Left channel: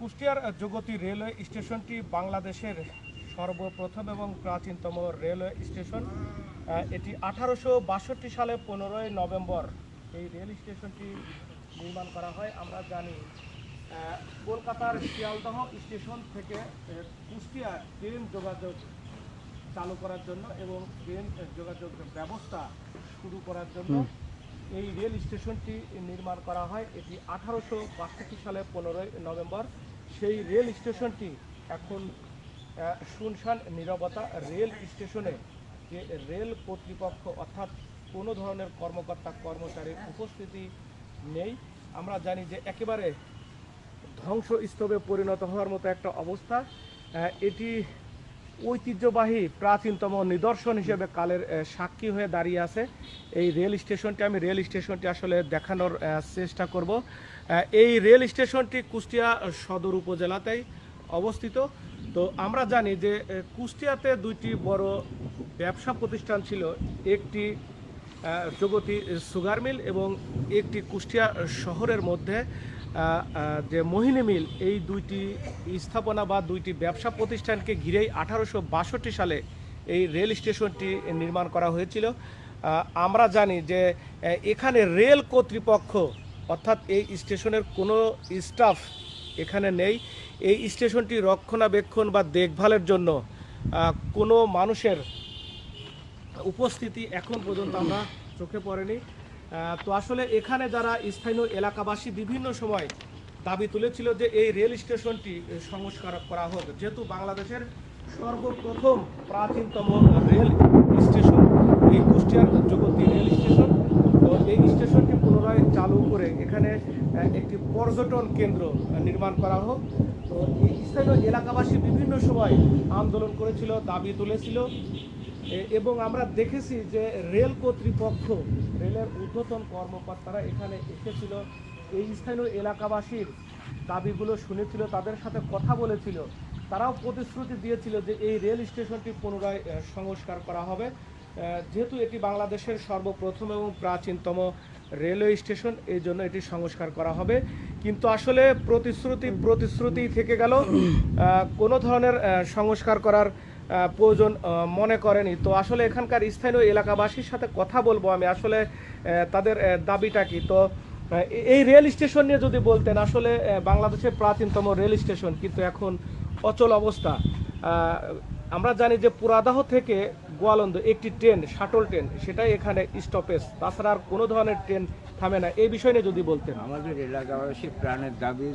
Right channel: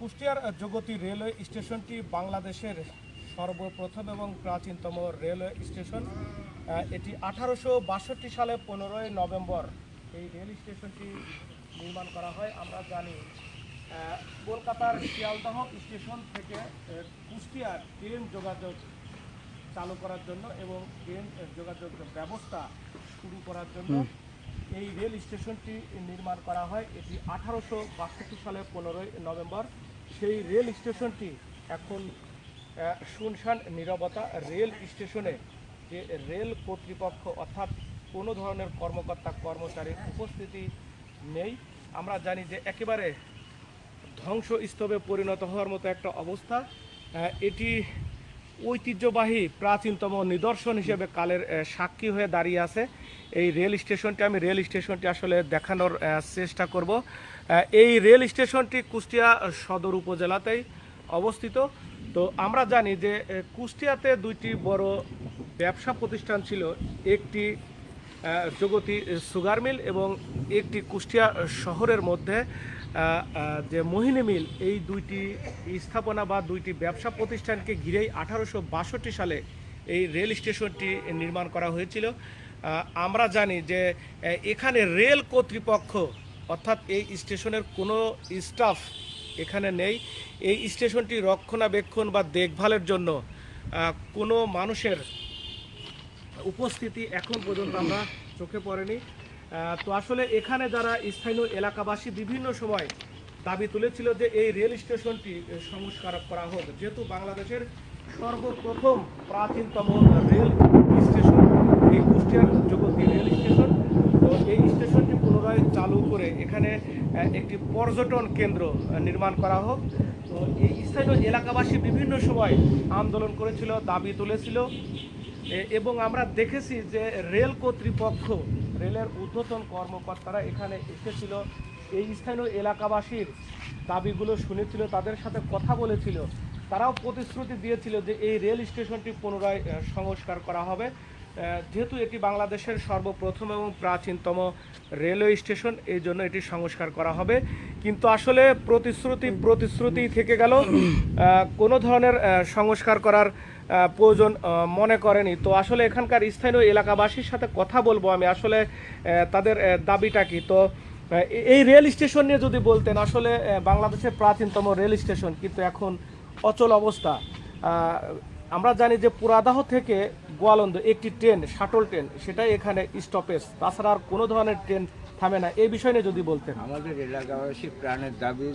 কুষ্টিয়ার জগতী রেলওয়ে স্টেশনটি বাংলাদেশের সর্বপ্রথম এবং প্রাচীনতম রেলওয়ে স্টেশন। এটি 1862 সালে 15ই নভেম্বর এই রেল স্টেশনটি নির্মাণ করা হয়। আমরা জানি কলকাতার শিয়ালদহ স্টেশন থেকে কুষ্টিয়া ট্রেন যোগাযোগ চালু করার জন্য এবং ট্রেন যোগাযোগ ব্যবস্থা শুরু করার জন্য এই রেল স্টেশনটি নির্মাণ করা হয়। এটি 1862 সালে 15ই নভেম্বর। সেই রেল স্টেশনটি এখন শুনশান নীরবতা। রেল স্টেশনে যে রেল কর্তৃপক্ষ অর্থাৎ কোনো ধরনের কর্মকর্তা কর্মচারীর উপস্থিতি নেই। আমরা জানি যে একেবারে ধ্বংসস্তূপে পরিণত হওয়ার মতো একটা অবস্থা। এটি ঐতিহ্যবাহী প্রাচীনতম নিদর্শন হিসেবে কালের সাক্ষী হয়ে দাঁড়িয়ে আছে এই রেল স্টেশনটি। আমি রেল স্টেশনটি আসলে দেখানোর চেষ্টা করব। এই রেল স্টেশনটি কুষ্টিয়া সদর উপজেলাতেই অবস্থিত। তো আমরা জানি যে কুষ্টিয়াতে দুইটি বড় ব্যবসা প্রতিষ্ঠান ছিল, একটি জগতী সুগার মিল এবং একটি কুষ্টিয়া শহরের মধ্যে যে মোহিনী মিল। এই দুইটি স্থাপনা বা দুইটি ব্যবসা প্রতিষ্ঠানকে ঘিরেই 1862 সালে এই রেল স্টেশনটি নির্মাণ করা হয়েছিল। আমরা জানি যে এখানে রেল কর্তৃপক্ষ অর্থাৎ এই স্টেশনের কোনো স্টাফ এখানে নেই। এই স্টেশনটি রক্ষণাবেক্ষণ বা দেখভালের জন্য কোনো মানুষের উপস্থিতি এখন পর্যন্ত আমরা চোখে পড়েনি। তো আসলে এখানে যারা স্থানীয় এলাকাবাসী বিভিন্ন সময় দাবি তুলেছিল যে এই রেল স্টেশনটি সংস্কার করা হোক, যেহেতু বাংলাদেশের সর্বপ্রথম প্রাচীনতম রেল স্টেশন এই কুষ্টিয়ার জগতী রেল স্টেশন। তো এই স্টেশনটি পুনরায় চালু করে এখানে একটি পর্যটন কেন্দ্র নির্মাণ করা হোক। তো এই স্থানীয় এলাকাবাসী বিভিন্ন সময় আন্দোলন করেছিল, দাবি তুলেছিল এবং আমরা দেখেছি যে রেল কর্তৃপক্ষ, রেলের ঊর্ধ্বতন কর্মকর্তারা এখানে এসেছিল, এই স্থানীয় এলাকাবাসীর দাবিগুলো শুনেছিল, তাদের সাথে কথা বলেছিল। তারাও প্রতিশ্রুতি দিয়েছিল যে এই রেল স্টেশনটি পুনরায় সংস্কার করা হবে, যেহেতু এটি বাংলাদেশের সর্বপ্রথম এবং প্রাচীনতম রেলওয়ে স্টেশন, এই জন্য এটি সংস্কার করা হবে। কিন্তু আসলে প্রতিশ্রুতি থেকে গেল, কোনো ধরনের সংস্কার করার প্রয়োজন মনে করেনি। তো আসলে এখানকার স্থানীয় এলাকাবাসীর সাথে কথা বলবো আমি, আসলে তাদের দাবিটা কি। তো এই রেল স্টেশন নিয়ে যদি বলতেন, আসলে বাংলাদেশের প্রাচীনতম রেল স্টেশন কিন্তু এখন অচল অবস্থা। আমরা জানি যে পুরাদাহ থেকে গোয়ালন্দ একটি ট্রেন, শাটল ট্রেন, সেটাই এখানে স্টপেজ, তাছাড়া আর কোনো ধরনের ট্রেন থামে না। এই বিষয় নিয়ে যদি বলতেন। আমাদের এলাকাবাসী প্রাণের দাবি